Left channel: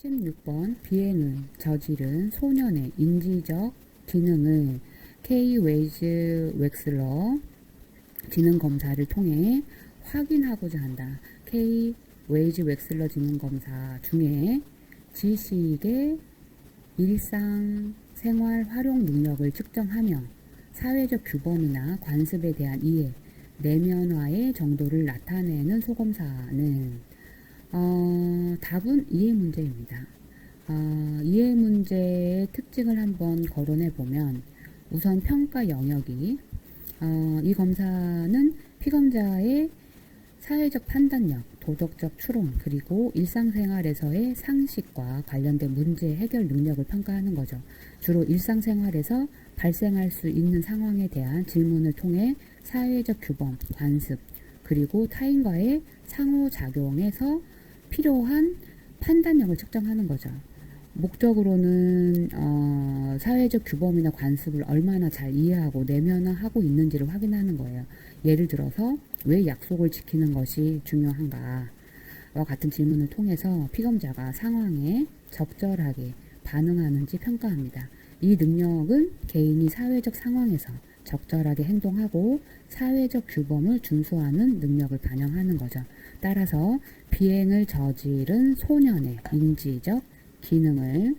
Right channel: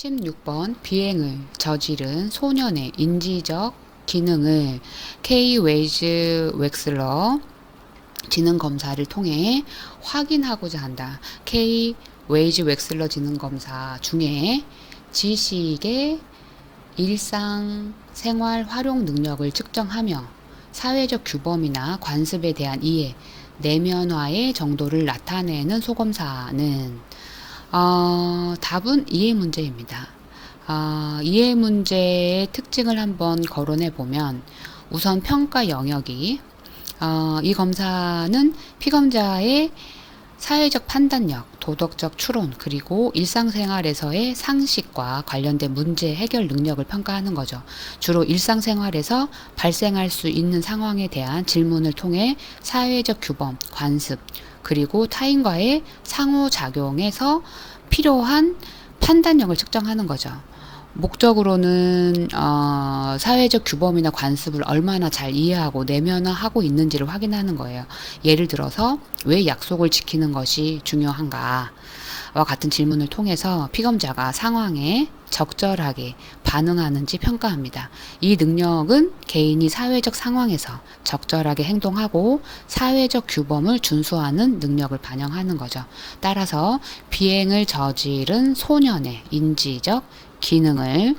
16번 비행을 저지른 소년의 인지적 기능을 K 웨이즈 웩슬러 지능 검사를 통해 확인하고자 한다. K 웨이즈 웩슬러 지능 검사 중에 지식의 일상 생활 활용 능력을 측정하며 사회적 규범이나 관습에 대한 이해, 내면화의 정도를 나타내는 소검사는 답은 이해 문제입니다. 이해 문제의 특징을 한번 거론해 보면 우선 평가 영역이 이 검사는 피검자의 사회적 판단력, 도덕적 추론, 그리고 일상생활에서의 상식과 관련된 문제 해결 능력을 평가하는 거죠. 주로 일상생활에서 발생할 수 있는 상황에 대한 질문을 통해 사회적 규범, 관습, 그리고 타인과의 상호작용에서 필요한 판단력을 측정하는 거죠. 목적으로는 사회적 규범이나 관습을 얼마나 잘 이해하고 내면화하고 있는지를 확인하는 거예요. 예를 들어서 왜 약속을 지키는 것이 중요한가와 같은 질문을 통해서 피검자가 상황에 적절하게 반응하는지 평가합니다. 이 능력은 개인이 사회적 상황에서 적절하게 행동하고 사회적 규범을 준수하는 능력을 반영하는 거죠. 따라서 비행을 저지른 소년의 인지적 기능을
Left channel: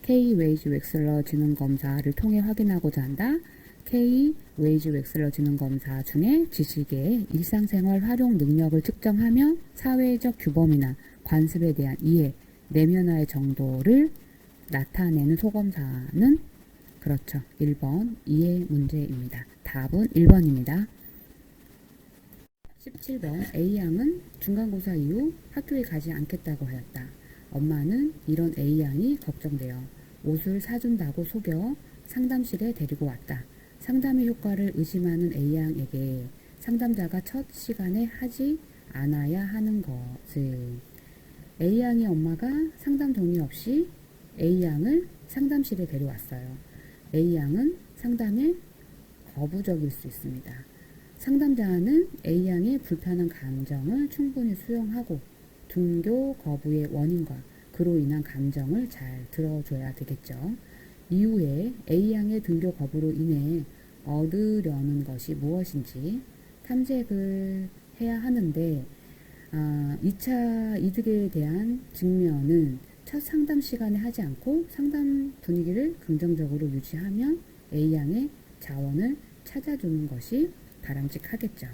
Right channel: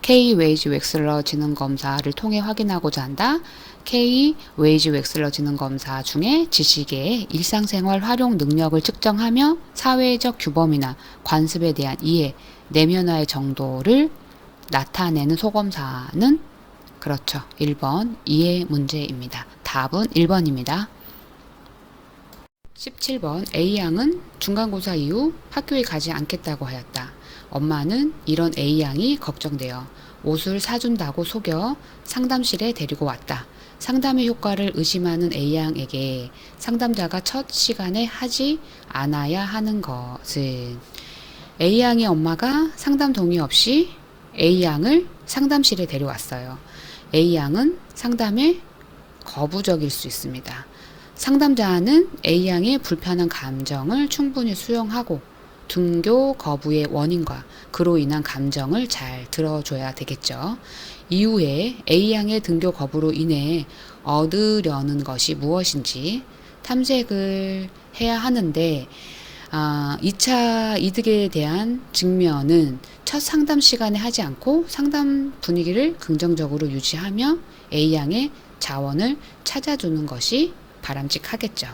K 웨이즈 웩슬러 지능 검사를 통해 확인하고자 한다. K 웨이즈 웩슬러 지능 검사 중에 지식의 일상생활 활용 능력을 측정하며 사회적 규범이나 관습에 대한 이해, 내면화의 정도를 나타내는 소검사는 그렇죠. 1번 이해 문제입니다. 답은 1번입니다. 17번 A양은 중간고사 이후 학교에 가지 않겠다고 하였다. 엄마는 이런 A양이 걱정되어 옷을 사준다고 속여 상담실에 데리고 왔다. 상담의 효과를 의심하는 A양에게 상담자가 첫 시간에 하지 않아야 하는 것은 A양의 엄마가 상담 동의 없이 A양을 상담실에 데려왔어요. A양은 상담에 거부적일 수 있습니다. 상담자는 A양의 불편한 감정을 충분히 수용하고 등교 거부의 원인과 그로 인한 감정을 잘 들어줘야 되겠죠. 이후에 A양의 등교 거부로 인해 얻으려는 것이 무엇인지 탐색을 해야 하는데 2차 이득에 대한 직면은 첫 상담 시간에 하지 않고 상담 분위기를 긍정적으로 유지하며 A양의 자원을 찾아주는 것이 바람직하겠죠.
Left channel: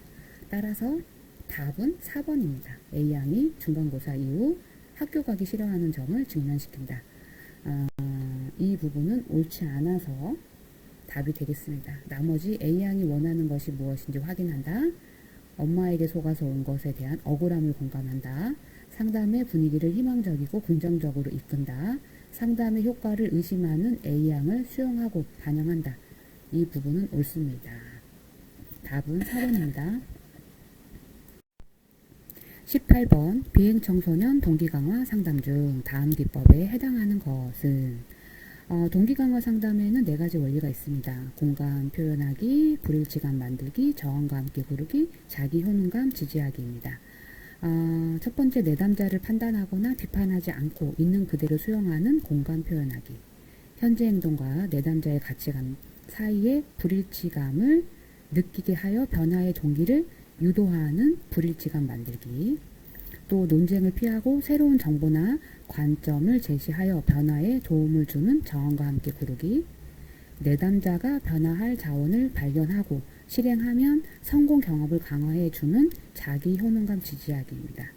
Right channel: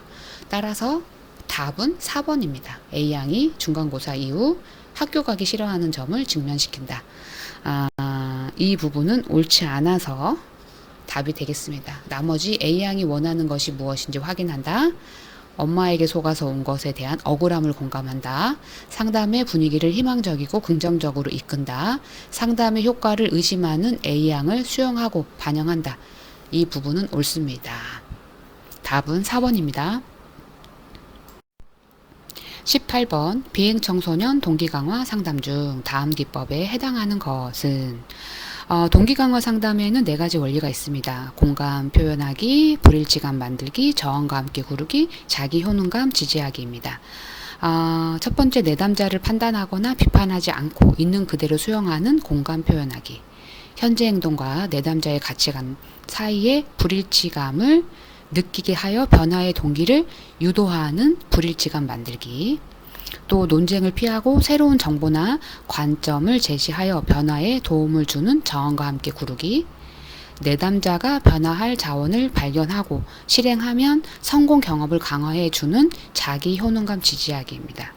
따라서 답은 4번입니다. A양이 중간고사 이후 학교 가기 싫어하는 점을 직면시킨다. 이 부분은 옳지 않아서 답이 되겠습니다. 나머지 A양이 원하는 것이 무엇인지 확인한다. 엄마에게 속아서 온 것에 대한 억울함을 공감한다. 상담의 분위기를 희망적이고 긍정적으로 이끈다. 상담의 효과를 의심하는 A양을 수용하고 반영한다. 이 부분은 옳습니다. 답은 4번입니다. 18번 비행청소년 동기강화 상담 중 다음 기법에 해당하는 것은 동기강화 상담에는 4가지 원리가 있습니다. 공감 표현하기, 불일치감 만들기, 저항과 함께 구르기, 자기 효능감 지지하기입니다. 첫 번째 내담자를 판단하거나 비판하지 않고 있는 그대로 수용하는 공감 표현하기. 현재 행동과 내담자의 가치관 사이의 불일치감을 느끼게 하여 변화의 동기를 유도하는 불일치감 만들기. 또 논쟁을 피하고 새로운 정보나 관점을 제시하여 변화에 도움을 주는 저항과 함께 구르기. 내담자가 변화할 자원을 발견하고 실행하면 성공 경험을 강화해 주는 자기 효능감 지지하기입니다.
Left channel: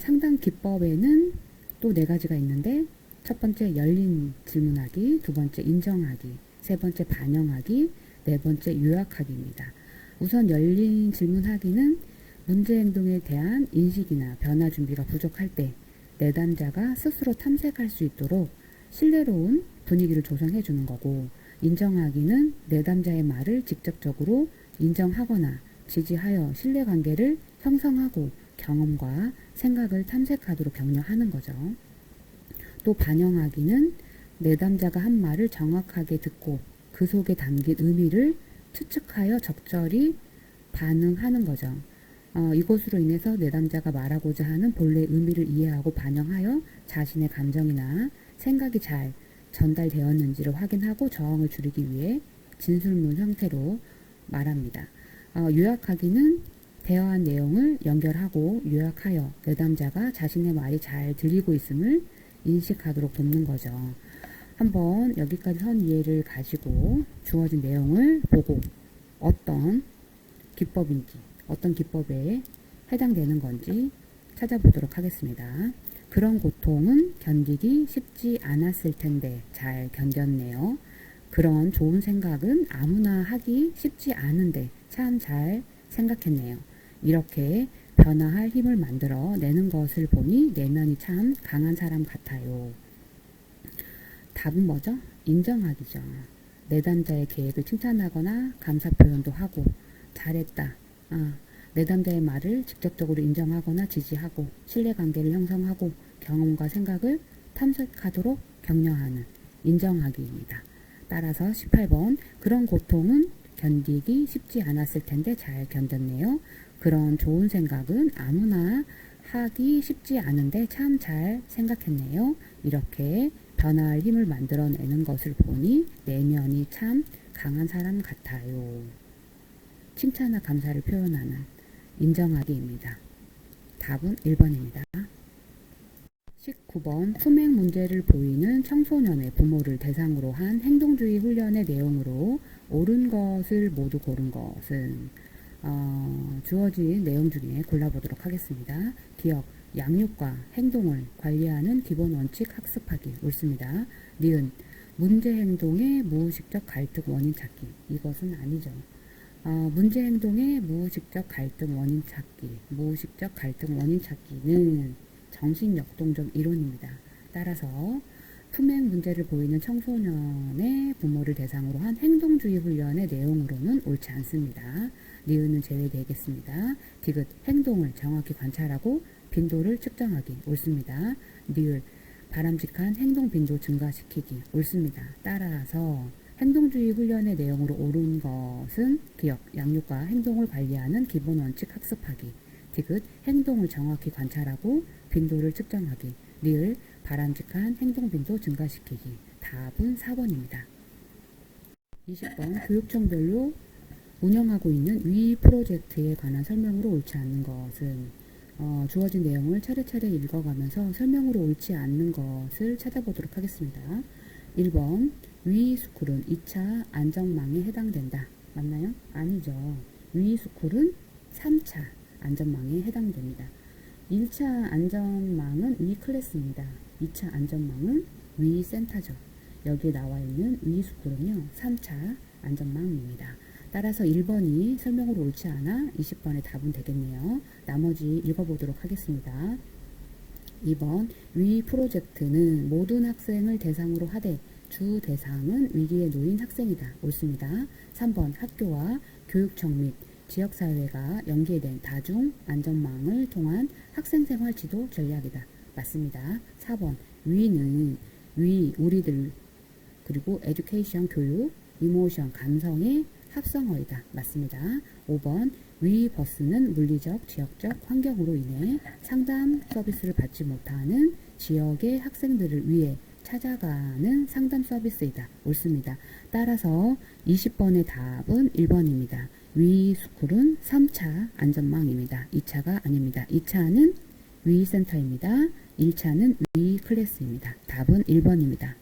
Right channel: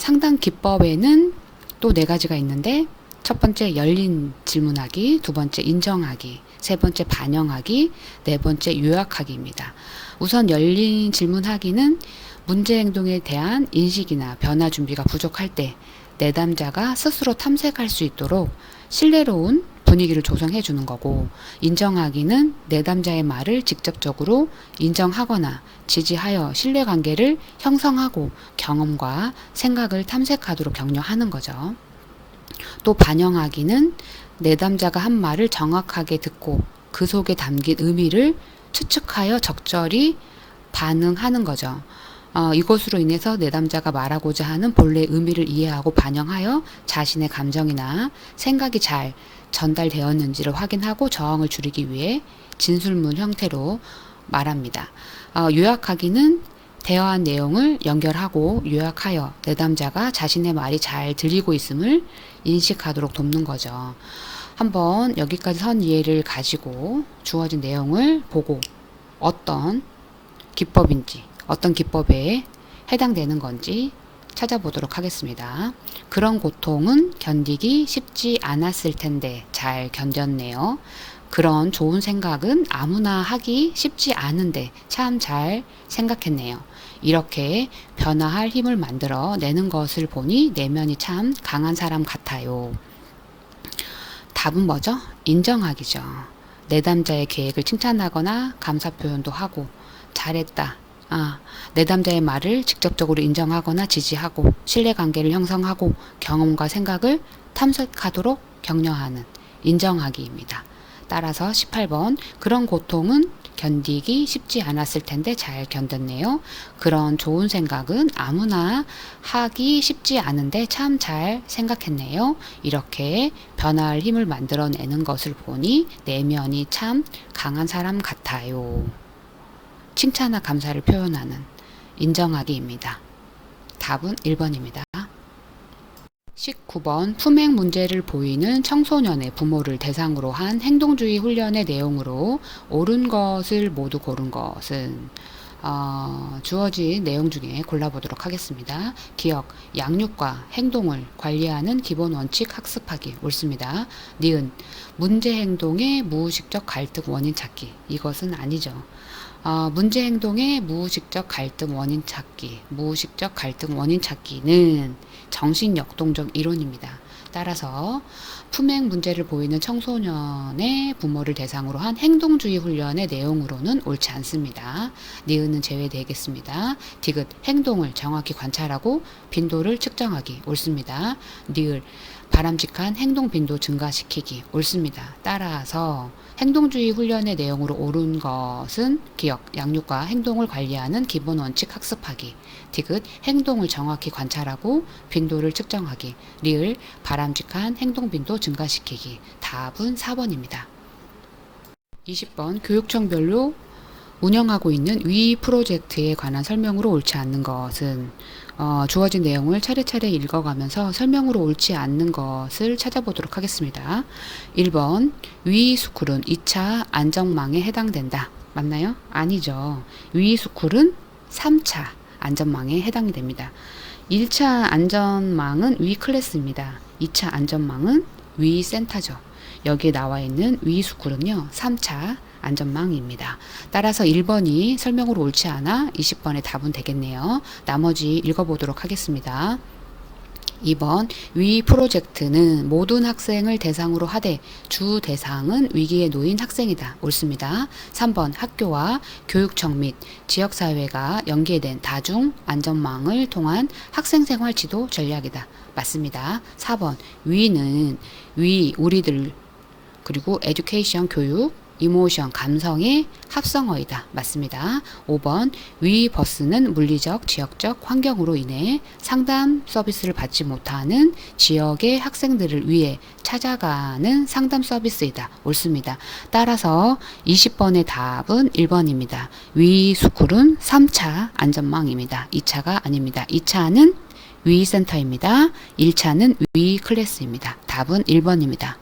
상담 기법에는 또 4가지가 있는데 첫 번째 열린 질문하기, 두 번째 인정하기, 세 번째 반영하기, 네 번째 요약하기입니다. 우선 열린 질문하기는 문제 행동에 대한 인식이나 변화 준비가 부족할 때 내담자가 스스로 탐색할 수 있도록 신뢰로운 분위기를 조성해 주는 거고, 인정하기는 내담자의 말을 직접적으로 인정하거나 지지하여 신뢰관계를 형성하고 경험과 생각을 탐색하도록 격려하는 거죠. 또 반영하기는 내담자가 한 말을 정확하게 듣고 그 속에 담긴 의미를 추측하여 적절히 반응하는 거죠. 이것으로 인해서 내담자가 말하고자 하는 본래 의미를 이해하고 반영하여 자신의 감정이나 생각이 잘 전달되었는지를 확인하고 저항을 줄이기 위해 진술문 형태로 말합니다. 요약하기는 대화한 내용을 연결하고 요약하여 내담자가 자신의 말이 잘 들리고 있음을 인식하도록 돕는 거죠. 한번 여기까지 선 이해를 가지고 주어진 내용을 보고 어떤 기법인지, 어떤 기법에 해당되는 건지 찾아보도록 하겠습니다. 그런 고통은 견디기 쉽지 않았을 텐데 잘 견뎠네요. 그런 좋은 생각은 아무나 하기 쉽지 않은데 참 잘 생각했네요. 이렇게 변화할 힘을 만들어 내는 것을 보니 내면이 참 강한 사람 같아요. 답은 뭐죠? 인정하기죠. 내담자의 계획을 칭찬하거나 감사 표현도 하고 잘했다. 내담자의 말을 직접적으로 인정하거나 지지하고 신뢰관계를 형성하고 경험과 생각을 탐색하도록 격려하는 인정하기입니다. 따라서 18번 그런 고통은 견디기 쉽지 않았을 텐데 잘 견뎠네요. 그런 좋은 생각은 아무나 하기 쉽지 않은데 참 잘 생각했네요. 이렇게 변화할 힘을 만들어내는 것을 보니 내면이 참 강한 사람 같아요. 칭찬과 감사를 표현하는 인정하기입니다. 답은 1번입니다. 19번 품행 문제를 보이는 청소년의 부모를 대상으로 한 행동주의 훈련의 내용으로 옳은 것을 모두 고른 것은 주어진 내용 중에 골라보도록 하겠습니다. 기억, 양육과 행동을 관리하는 기본 원칙 학습하기 옳습니다. 니은, 문제 행동의 무의식적 갈등 원인 찾기 이것은 아니죠. 문제 행동의 무의식적 갈등 원인 찾기, 무의식적 갈등 원인 찾기는 정신 역동적 이론입니다. 따라서 품행 문제를 보이는 청소년의 부모를 대상으로 한 행동주의 훈련의 내용으로는 옳지 않습니다. 니은은 제외되겠습니다. 디귿, 행동을 정확히 관찰하고 빈도를 측정하기 옳습니다. 니을, 바람직한 행동 빈도 증가시키기 옳습니다. 따라서 행동주의 훈련의 내용으로 옳은 것은 기억, 양육과 행동을 관리하는 기본 원칙 학습하기, 디귿, 행동을 정확히 관찰하고 빈도를 측정하기, 리을, 바람직한 행동 빈도 증가시키기. 답은 4번입니다. 20번 교육청별로 운영하고 있는 위 프로젝트에 관한 설명으로 옳지 않는 것은 주어진 내용을 차례차례 읽어가면서 설명으로 옳지 않는 것을 찾아보도록 하겠습니다. 1번 위 스쿨은 2차 안전망에 해당된다. 맞나요? 아니죠. 위 스쿨은 3차 안전망에 해당이 됩니다. 1차 안전망은 위 클래스입니다. 2차 안전망은 위 센터죠. 여기에 나와 있는 위 스쿨은요 3차 안전망입니다. 따라서 1번이 설명으로 옳지 않아 20번의 답은 되겠네요. 나머지 읽어보도록 하겠습니다. 2번 위 프로젝트는 모든 학생을 대상으로 하되 주 대상은 위기에 놓인 학생이다. 옳습니다. 3번 학교와 교육청 및 지역사회가 연계된 다중 안전망을 통한 학생생활 지도 전략이다. 맞습니다. 4번 위는 우리들 그리고 에듀케이션 교육 이모션, 감성의 합성어이다. 맞습니다. 5번 위 버스는 물리적, 지역적 환경으로 인해 상담 서비스를 받지 못하는 지역의 학생들을 위해 찾아가는 상담 서비스이다. 옳습니다. 따라서 20번의 답은 1번입니다. 위 스쿨은 3차 안전망입니다. 2차가 아닙니다. 2차는 위 센터입니다. 1차는 위 클래스입니다. 답은 1번입니다.